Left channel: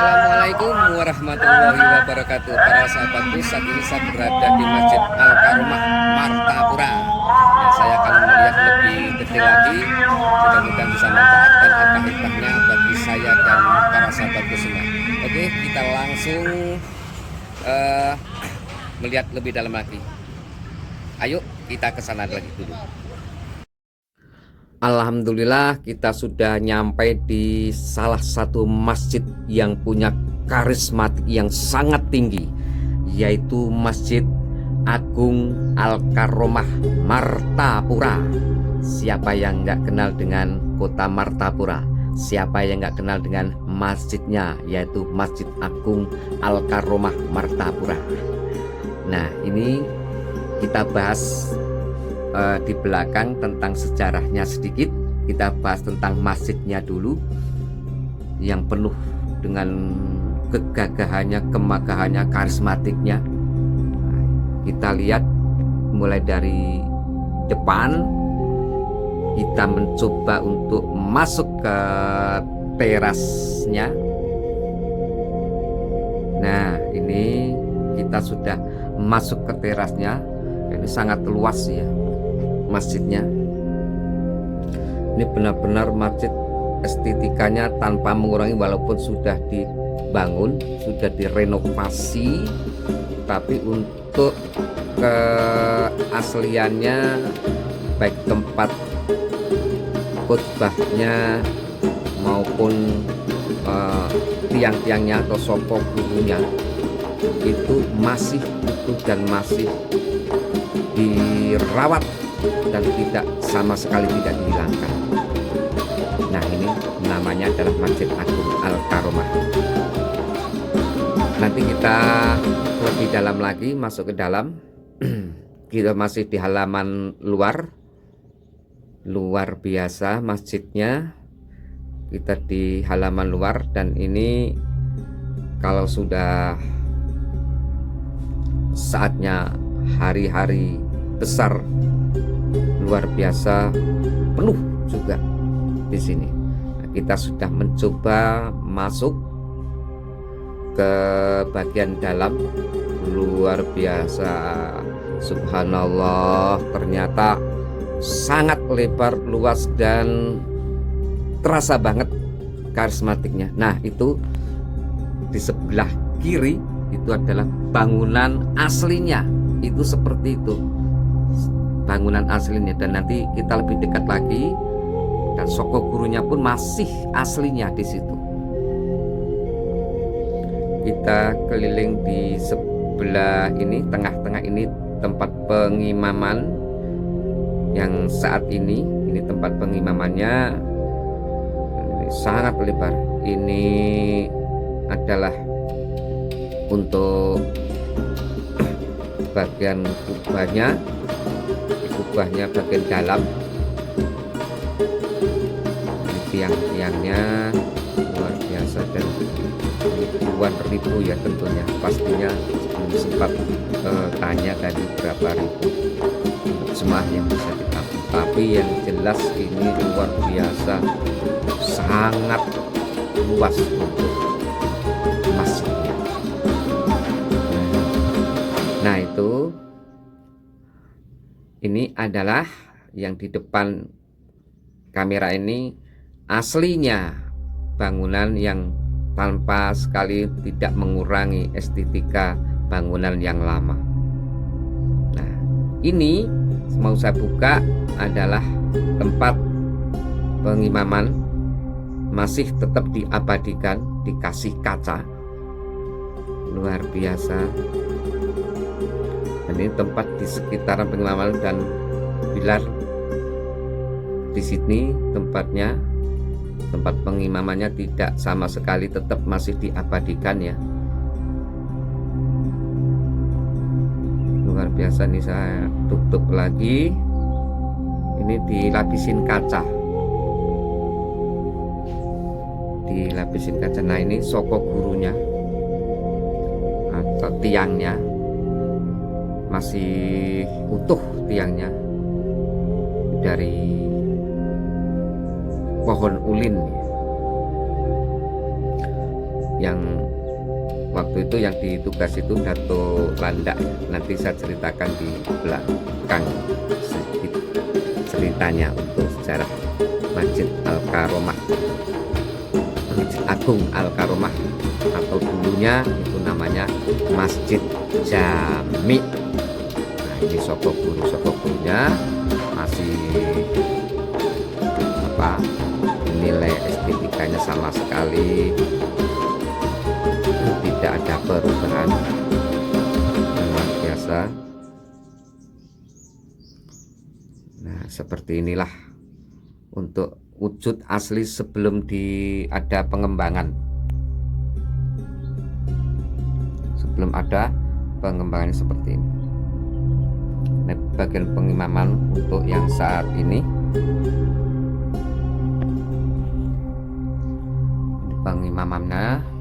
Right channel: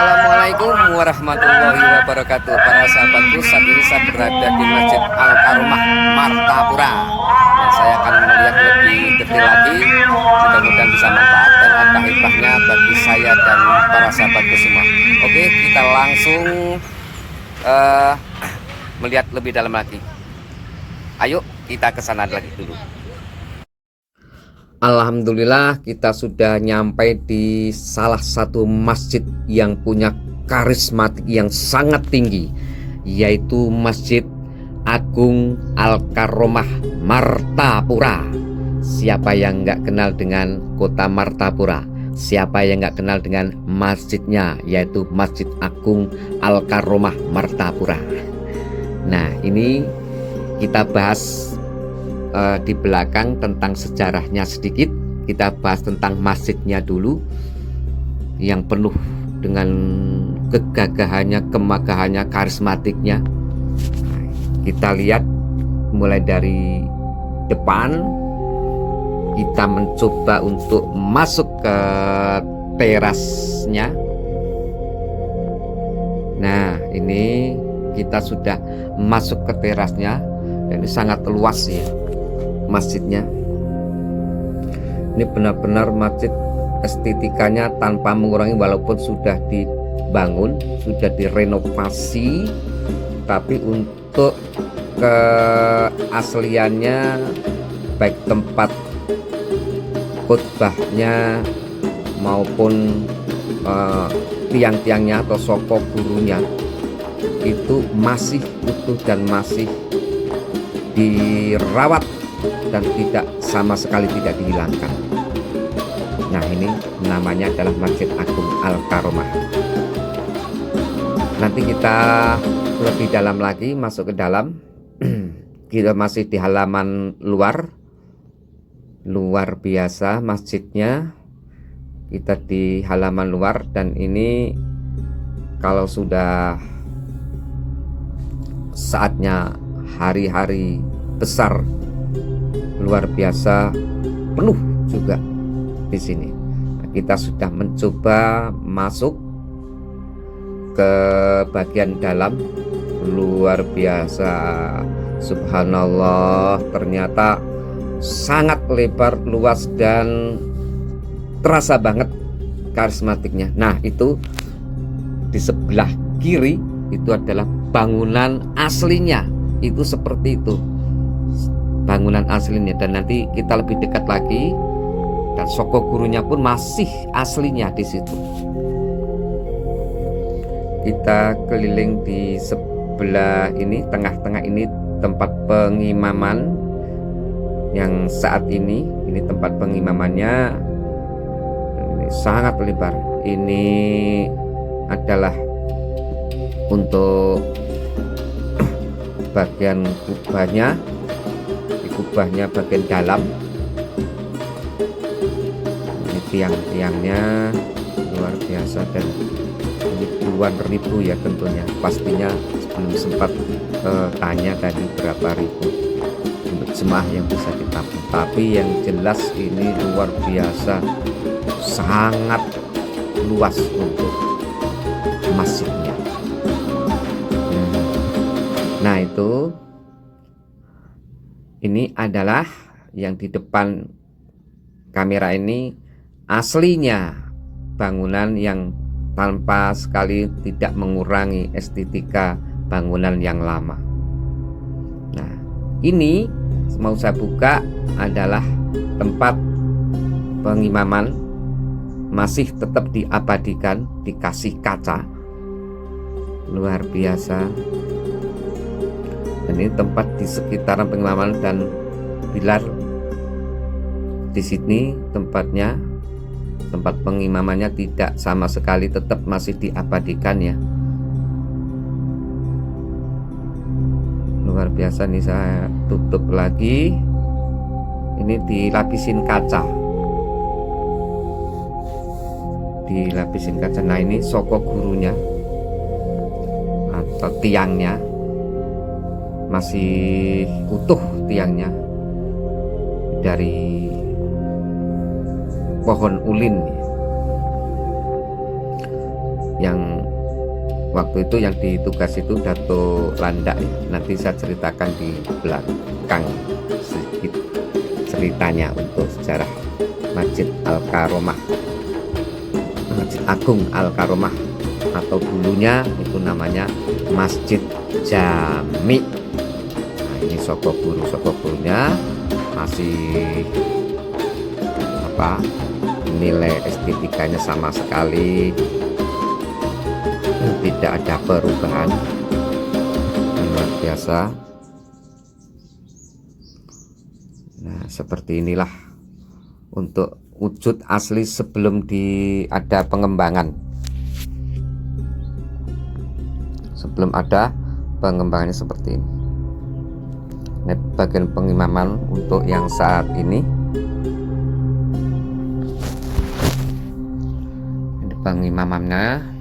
Assalamualaikum warahmatullahi wabarakatuh. Para sahabatku, saat ini saya berada di Masjid Al Karomah Martapura. Nah, saya akan melihat lebih detail lagi. Mudah-mudahan bisa manfaat dan ada hikmahnya bagi saya dan para sahabatku semua. Oke, kita langsung melihat lebih dalam lagi. Ayo kita ke sana lagi dulu. Alhamdulillah, kita sudah nyampe di salah satu masjid yang punya karismatik yang sangat tinggi, yaitu Masjid Agung Al Karomah Martapura. Siapa yang nggak kenal dengan kota Martapura? Siapa yang nggak kenal dengan masjidnya, yaitu Masjid Agung Al Karomah Martapura? Nah, ini kita bahas di belakang tentang sejarahnya sedikit. Kita bahas tentang masjidnya dulu, yang penuh dengan kegagahannya, kemagahannya, karismatiknya. Kita lihat mulai dari depan. Kita mencoba untuk masuk ke terasnya. Nah, ini kita sudah masuk ke terasnya. Ini sangat luas ya masjidnya. Ini benar-benar masjid estetikanya tanpa mengurangi, walaupun sudah dibangun, sudah direnovasi, tapi untuk keasliannya, baik tempat khotbahnya maupun tiang-tiangnya atau soko gurunya itu masih utuh dan masih dirawat dan tidak sama sekali tidak dihilangkan. Nah, ini namanya adalah Masjid Agung Al Karomah. Nanti kita lebih dalam lagi, masuk ke dalam. Kita masih di halaman luar biasa masjidnya. Kita di halaman luar, dan ini kalau sudah saatnya hari-hari besar luar biasa, penuh juga di sini. Nah, kita sudah mencoba masuk ke bagian dalam. Luar biasa, subhanallah, ternyata sangat lebar, luas, dan terasa banget karismatiknya. Nah, itu di sebelah kiri itu adalah bangunan aslinya. Itu seperti itu bangunan aslinya, dan nanti kita lebih dekat lagi, dan soko gurunya pun masih aslinya di situ. Kita keliling di sebelah ini, tengah-tengah ini tempat pengimaman yang saat ini tempat pengimamannya. Ini sangat lebar. Ini adalah untuk bagian kubahnya, di kubahnya bagian dalam. Ini tiang-tiangnya luar biasa, dan ini puluhan ribu ya tentunya. Pastinya belum sempat tanya tadi berapa ribu untuk jemaah yang bisa ditampung, tapi yang jelas ini luar biasa, sangat luas untuk masjidnya. Nah, itu ini adalah yang di depan kamera ini aslinya bangunan yang tanpa sekali tidak mengurangi estetika bangunan yang lama. Nah, ini mau saya buka adalah tempat pengimaman, masih tetap diabadikan, dikasih kaca, luar biasa. Dan ini tempat di sekitaran pengimaman dan pilar di sini tempatnya, tempat pengimamannya tidak sama sekali, tetap masih diabadikan ya. Luar biasa. Nih saya tutup lagi, ini dilapisin kaca, Nah, ini soko gurunya atau tiangnya masih utuh, tiangnya dari pohon ulin. yang waktu itu yang ditugas itu Dato Landak ya. Nanti saya ceritakan di belakang sedikit ceritanya untuk sejarah Masjid Al-Karomah, Masjid Agung Al-Karomah, atau dulunya itu namanya Masjid Jami. Nah, ini soko gurunya masih nilai estetikanya sama sekali tidak ada perubahan, luar biasa. Nah, seperti inilah untuk wujud asli sebelum ada pengembangan. Sebelum ada pengembangannya seperti ini. Ini bagian pengimaman untuk yang saat ini. Ini pengimamannya.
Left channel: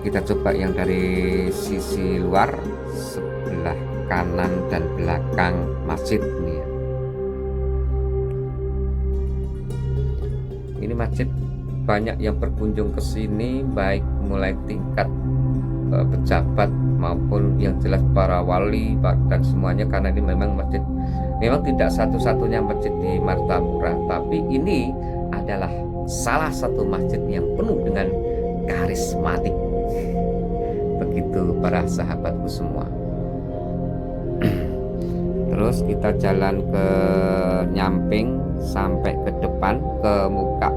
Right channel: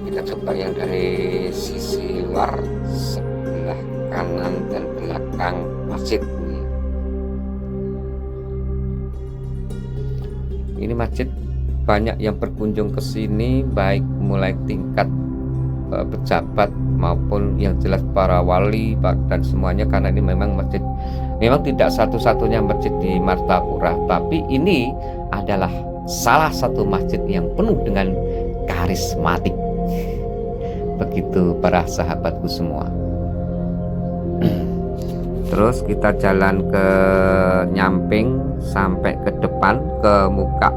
Kita coba yang dari sisi luar, sebelah kanan dan belakang masjid ini ya. Ini masjid banyak yang berkunjung ke sini, baik mulai tingkat pejabat maupun yang jelas para wali dan semuanya, karena ini memang tidak satu-satunya masjid di Martapura, tapi ini adalah salah satu masjid yang penuh dengan karismatik. Begitu para sahabatku semua. Terus kita jalan ke nyamping sampai ke depan, ke muka,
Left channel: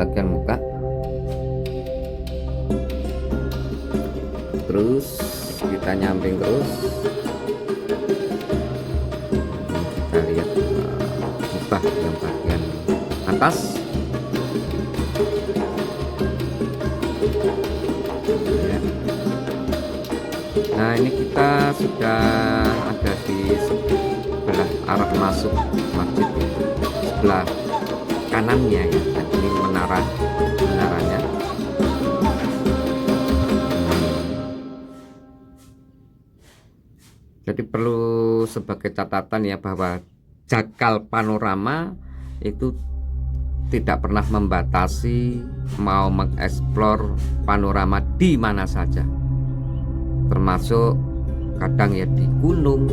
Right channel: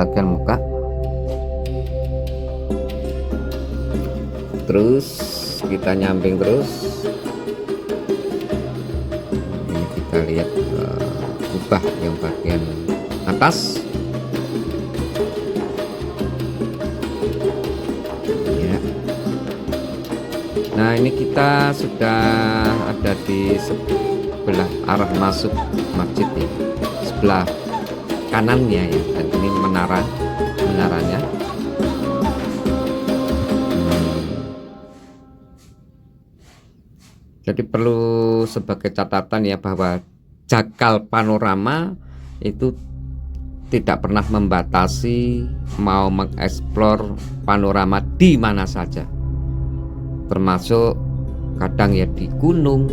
bagian muka. Terus kita nyamping terus. Ini kita lihat kubah yang bagian atas. Nah, ini kita sudah ada di sebelah arah masuk masjid ya, sebelah kanannya ya, dan ini menaranya. Jadi perlu sebagai catatan ya, bahwa jakal panorama itu tidak pernah membatasi mau mengeksplor panorama di mana saja. Termasuk kadang ya di gunung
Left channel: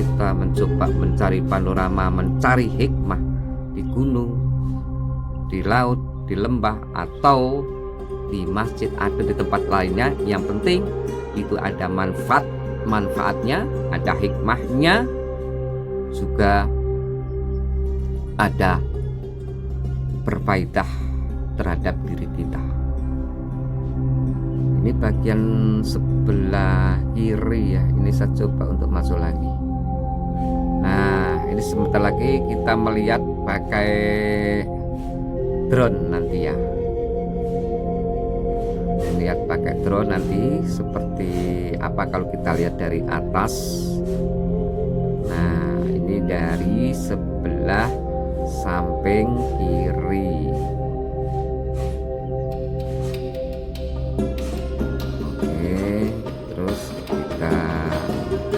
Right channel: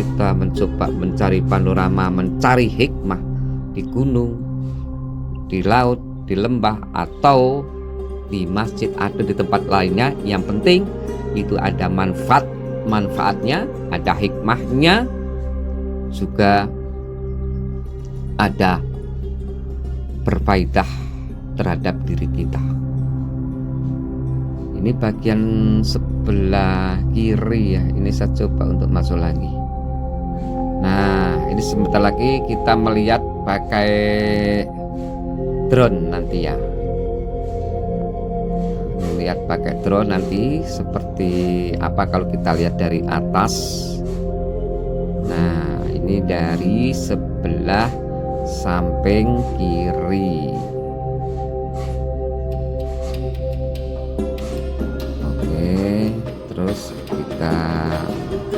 kita mencoba mencari panorama, mencari hikmah di gunung, di laut, di lembah, atau di masjid, ada di tempat lainnya. Yang penting itu ada manfaatnya, ada hikmahnya, juga ada berfaedah terhadap diri kita. Ini bagian sebelah kiri ya, ini saya coba untuk masuk lagi. Nah, ini sebentar lagi kita melihat pakai drone nanti ya. Lihat pakai drone nanti seperti apa kalau kita lihat dari atas. Nah, ini dari sebelah samping kiri.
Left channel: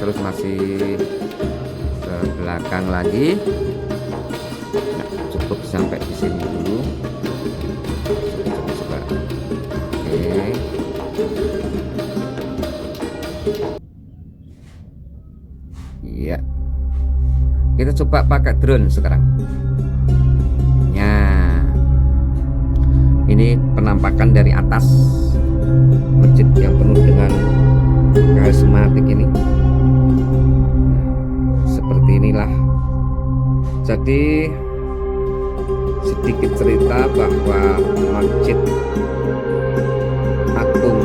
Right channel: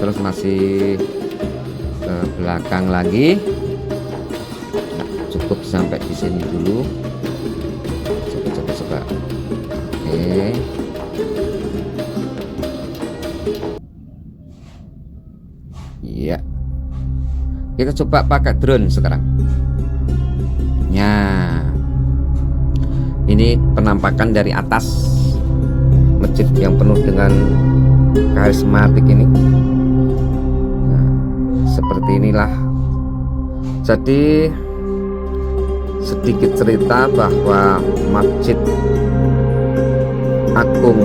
Terus masih ke belakang lagi. Nah, cukup sampai di sini dulu. Coba. Oke. Iya. Kita coba pakai drone sekarang. Ya. Ini penampakan dari atas masjid yang penuh dengan karismatik ini. Nah, seperti inilah. Jadi sedikit cerita bahwa Masjid Agung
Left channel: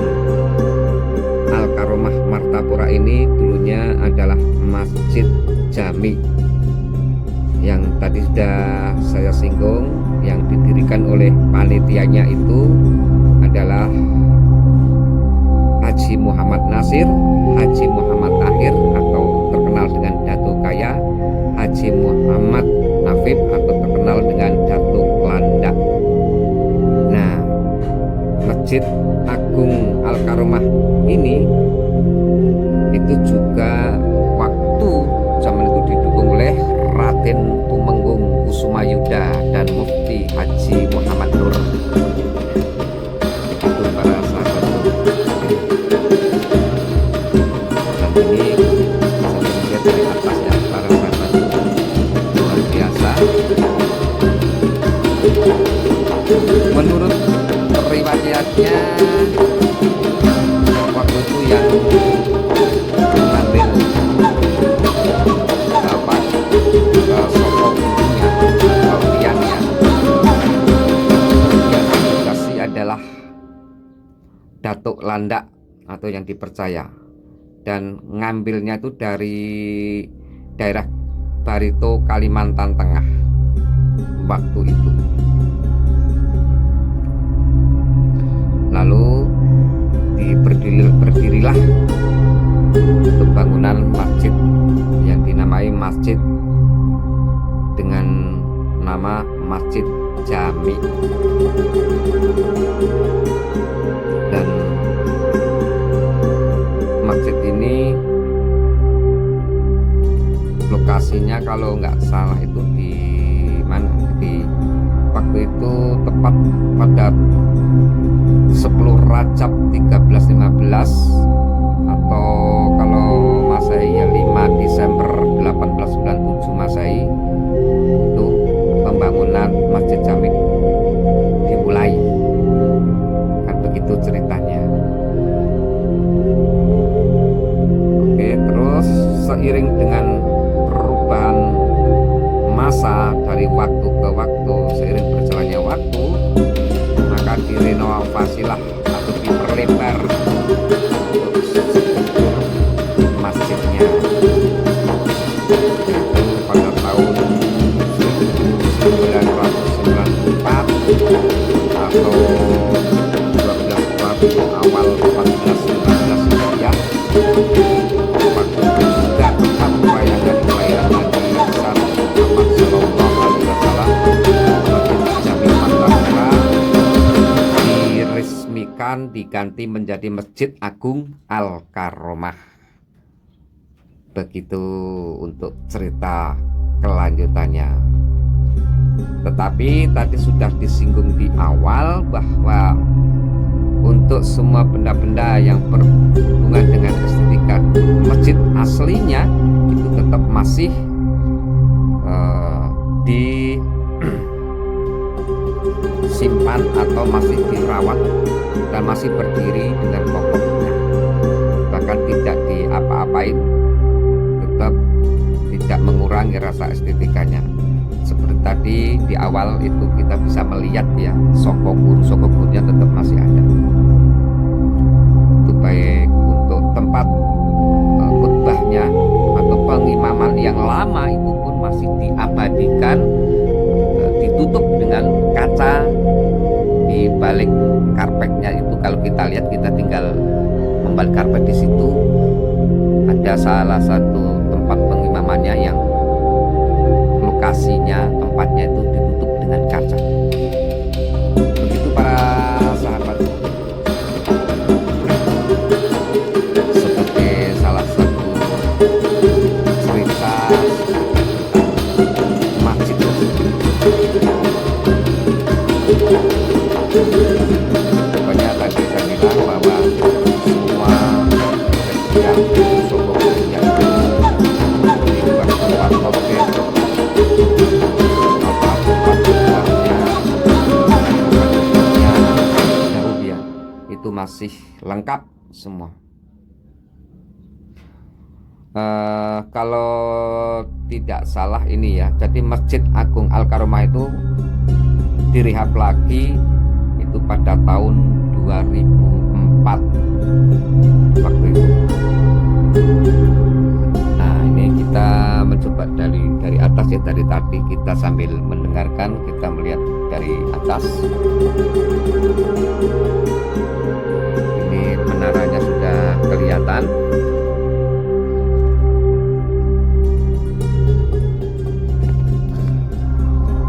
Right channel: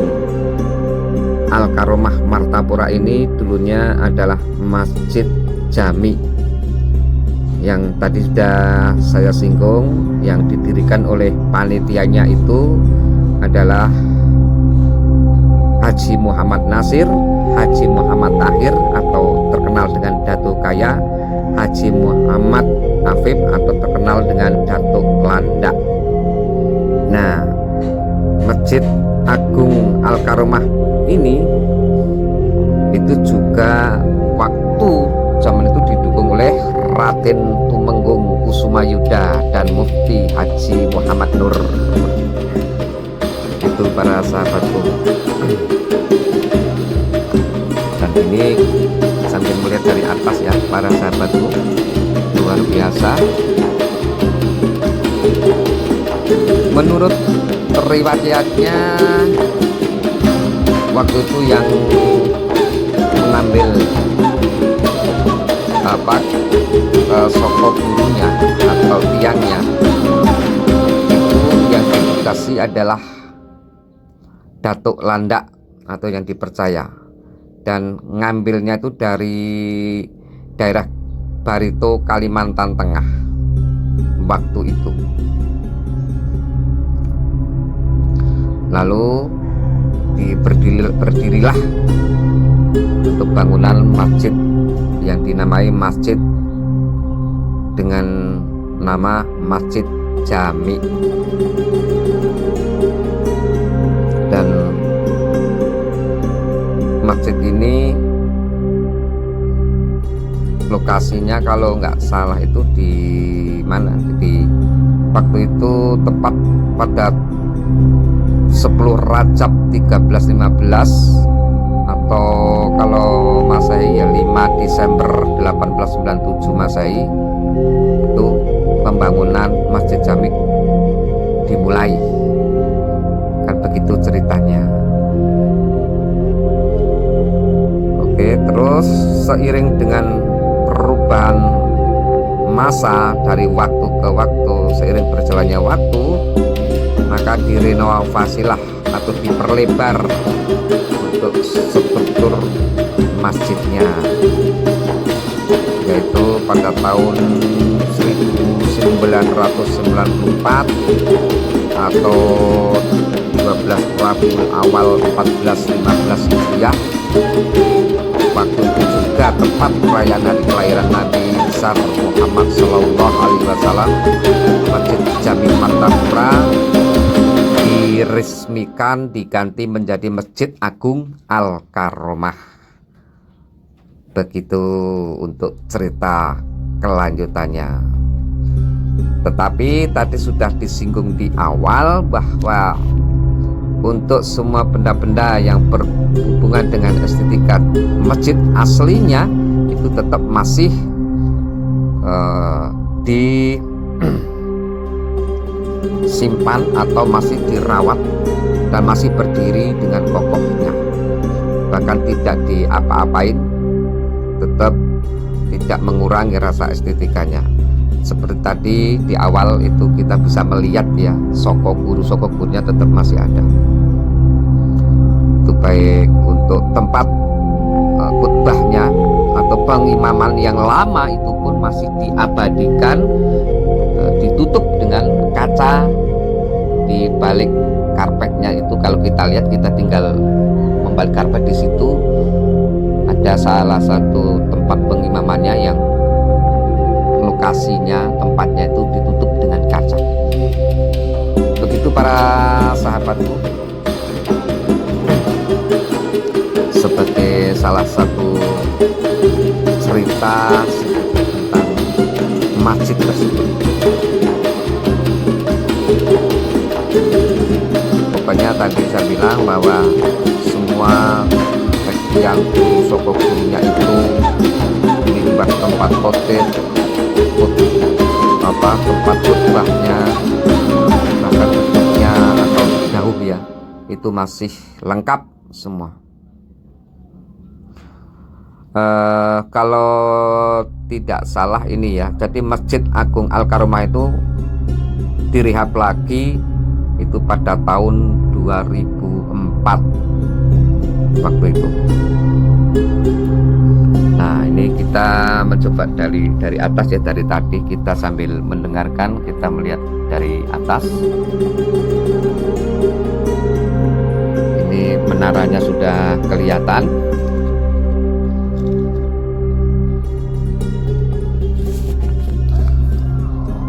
Al-Karomah Martapura ini dulunya adalah Masjid Jami, yang tadi sudah saya singgung, yang didirikan oleh panitianya itu adalah Haji Muhammad Nasir, Haji Muhammad Tahir atau terkenal dengan Datuk Kaya, Haji Muhammad Afif atau terkenal dengan Datuk Landak. Nah, Masjid Agung Al-Karomah ini itu juga waktu zaman itu didukung oleh Raden Tumenggung Kusumo Sumayuda dan Mufti Haji Muhammad Nur. Itu para sahabatku. Dan ini sambil melihat dari atas ya para sahabatku, luar biasa. Menurut riwayatnya waktu itu yang mengambil sokok gurunya atau tiangnya itu yang dikasih adalah Datuk Landak atau yang dipercaya, dan ngambilnya itu dari daerah Barito, Kalimantan Tengah waktu itu. Lalu berdirilah untuk bangunan masjid yang dinamai masjid dengan nama Masjid Jami. Dan masjid ini lokasinya kalau nggak salah itu di mana? Di waktu itu tepat pada 10 Rajab 1315 atau kalau Masehi ya 5 Desember 1897 Masehi, itu pembangunan Masjid Jami dimulai. Kan begitu ceritanya. Oke, terus seiring dengan perubahan masa dari waktu ke waktu, seiring berjalannya waktu, maka direnovasilah atau diperlebar untuk struktur masjidnya, yaitu pada tahun 1994 atau 12 Rabiul Awal 1415 Hijriah. Waktu itu juga tepat perayaan hari kelahiran Nabi besar Muhammad Sallallahu Alaihi Wasallam, Masjid Jami Martapura diresmikan diganti menjadi Masjid Agung Al-Karomah. Begitu untuk cerita kelanjutannya. Tetapi tadi sudah disinggung di awal bahwa untuk semua benda-benda yang berhubungan dengan estetika masjid aslinya itu tetap masih disimpan atau masih dirawat dan masih berdiri dengan kokohnya, bahkan tidak diapa-apain, tetap tidak mengurangi rasa estetikanya. Seperti tadi di awal itu kita bisa melihat ya, soko gurunya tetap masih ada. Itu baik untuk tempat khutbahnya atau pengimaman yang lama itu pun masih diabadikan, ditutup dengan kaca di balik karpetnya itu. Kalau kita lihat, kita tinggal membalik karpet, di situ ada salah satu tempat pengimamannya yang lokasinya, tempatnya itu ditutup dengan kaca. Begitu para sahabatku, sebagai salah satu cerita tentang masjid tersebut. Pokoknya tadi saya bilang bahwa semua yang sokok gurunya itu limbah tempat hotel, tempat khutbahnya, tempat duduknya jauh ya, itu masih lengkap semua. Kalau tidak salah ini ya, jadi Masjid Agung Al-Karomah itu direhab lagi itu pada tahun 2004 waktu itu. Nah, ini kita mencoba dari atas ya, dari tadi kita sambil mendengarkan, kita melihat dari atas. Ini menaranya sudah kelihatan.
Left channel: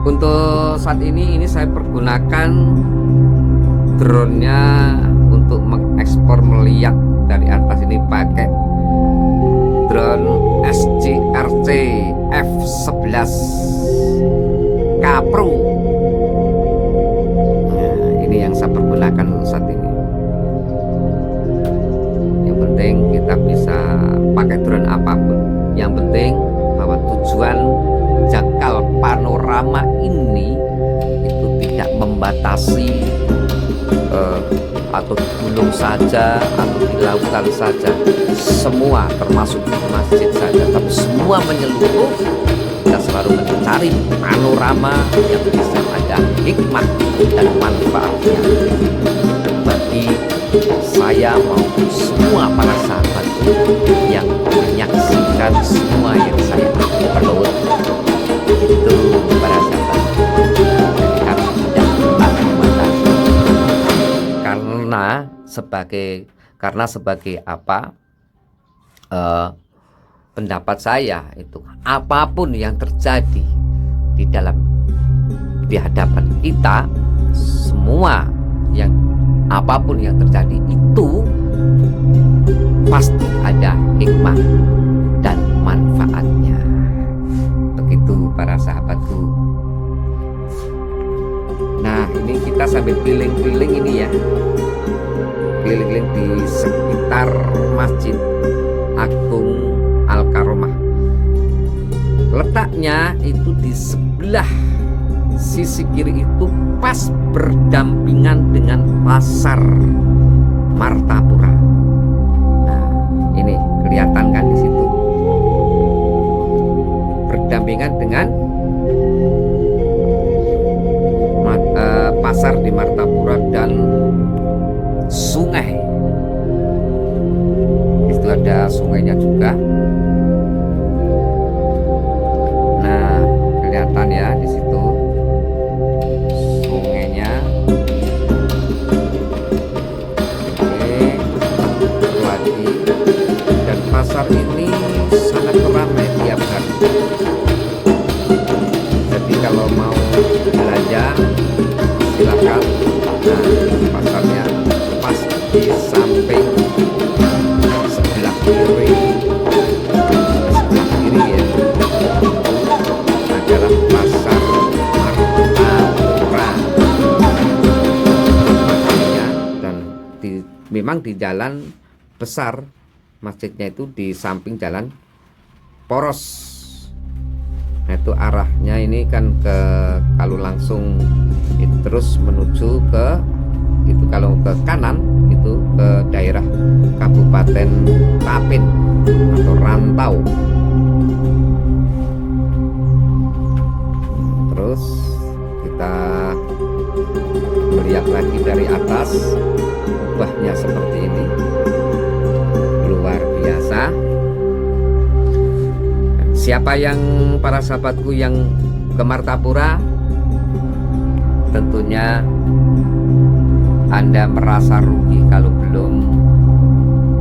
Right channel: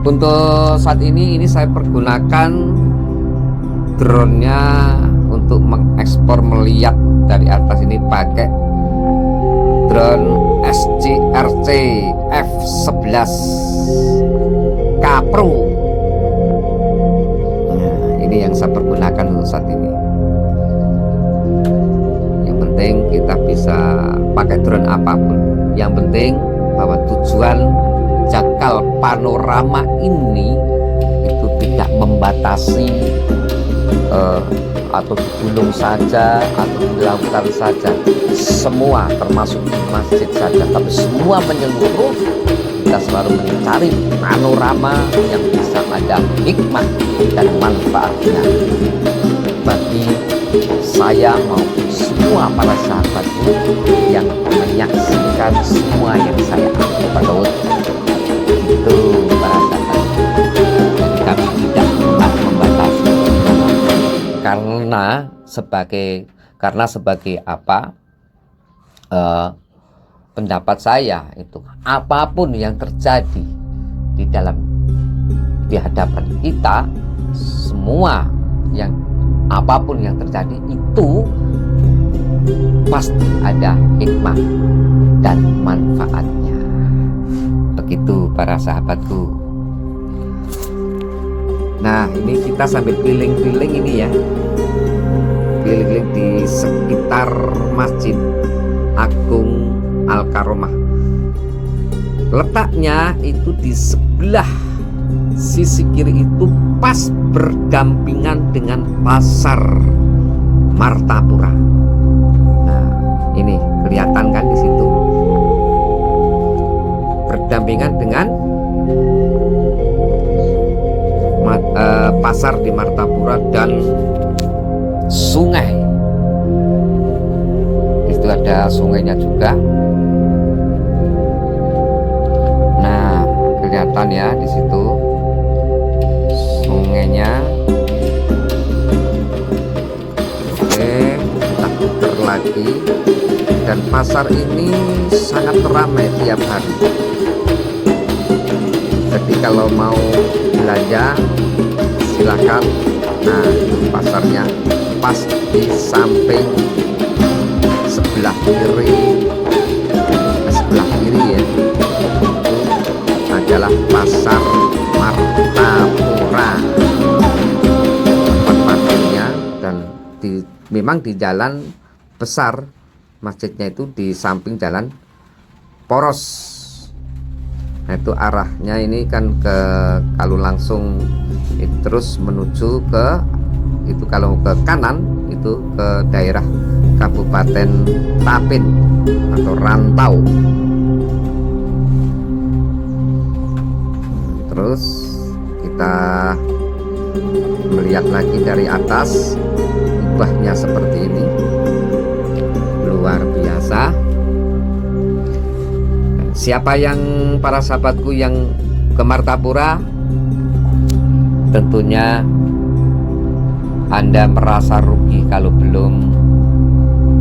Untuk saat ini saya pergunakan drone-nya untuk mengekspor melihat dari atas ini pakai drone SGRC F11 Kapro. Nah, ini yang saya pergunakan untuk saat ini. Yang penting kita bisa pakai drone apapun. Yang penting bahwa tujuan Jakal Panorama ini itu tidak membatasi atau di gunung saja atau di lautan saja, semua termasuk di masjid saja, tapi semua menyeluruh. Kita selalu mencari panorama yang bisa ada hikmah dan manfaatnya bagi saya maupun semua para sahabatku yang menyaksikan semua yang saya upload. Itu para sahabat, kami tidak pernah membatasi karena sebagai apa, pendapat saya itu apapun yang terjadi di hadapan kita, semua yang apapun yang terjadi itu pasti ada hikmah dan manfaatnya. Begitu para sahabatku. Nah, ini kita sambil keliling-keliling ini ya, keliling-keliling di sekitar Masjid Agung Al-Karomah. Letaknya itu di sebelah sisi kiri itu pas berdampingan dengan pasar Martapura. Nah, ini kelihatan kan di situ, berdampingan dengan pasar di Martapura dan sungai. Itu ada sungainya juga. Nah, kelihatan ya di situ sungainya. Oke, kita putar lagi. Dan pasar ini sangat ramai tiap hari. Jadi kalau mau belanja silakan. Nah, pasarnya pas di samping sebelah kiri ya, itu adalah pasar Martapura tempatnya. Dan memang di jalan besar masjidnya itu di samping jalan poros. Nah, itu arahnya ini kan kalau langsung itu terus menuju ke itu, kalau ke kanan itu ke daerah Kabupaten Tapin atau Rantau. Terus kita melihat lagi dari atas, kubahnya seperti ini, luar biasa. Siapa yang para sahabatku yang ke Martapura, tentunya Anda merasa rugi kalau belum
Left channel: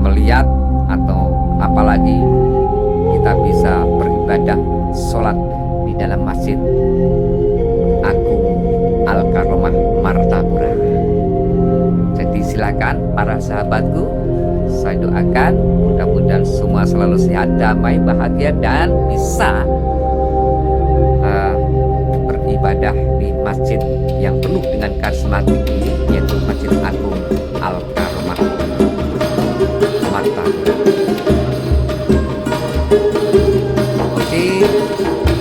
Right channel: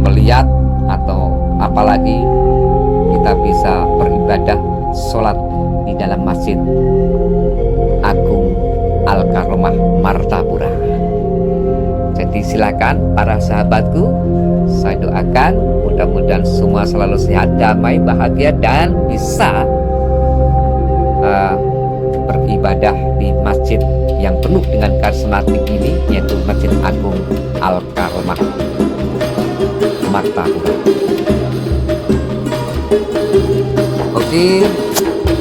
melihat, atau apalagi kita bisa beribadah sholat di dalam Masjid Agung Al-Karomah Martapura. Jadi silakan para sahabatku, saya doakan mudah-mudahan semua selalu sehat, damai, bahagia, dan bisa beribadah di masjid yang penuh dengan karismatik ini, yaitu Masjid Agung Al-Karomah Martapura. Oke,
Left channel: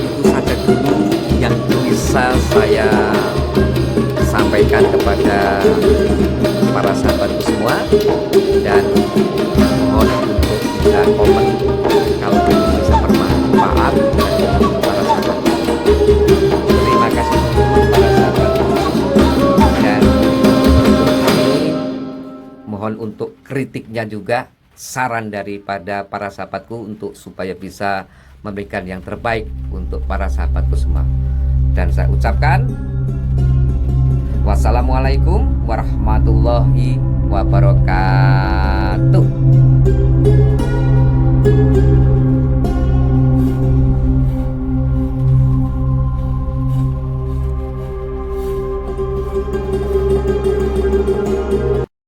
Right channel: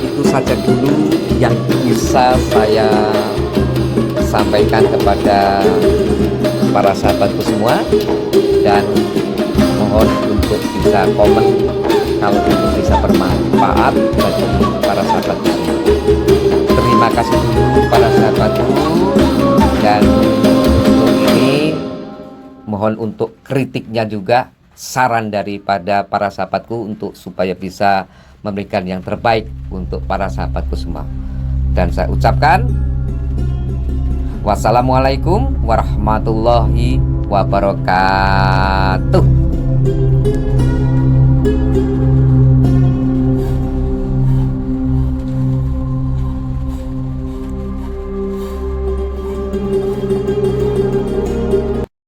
itu saja dulu yang bisa saya sampaikan kepada para sahabatku semua, dan mohon untuk bisa komen kalau itu bisa bermanfaat bagi para sahabatku. Terima kasih dulu para sahabatku, dan untuk ini mohon untuk kritiknya juga, saran daripada para sahabatku untuk supaya bisa memberikan yang terbaik untuk para sahabatku semua. Dan saya ucapkan wassalamualaikum warahmatullahi wabarakatuh.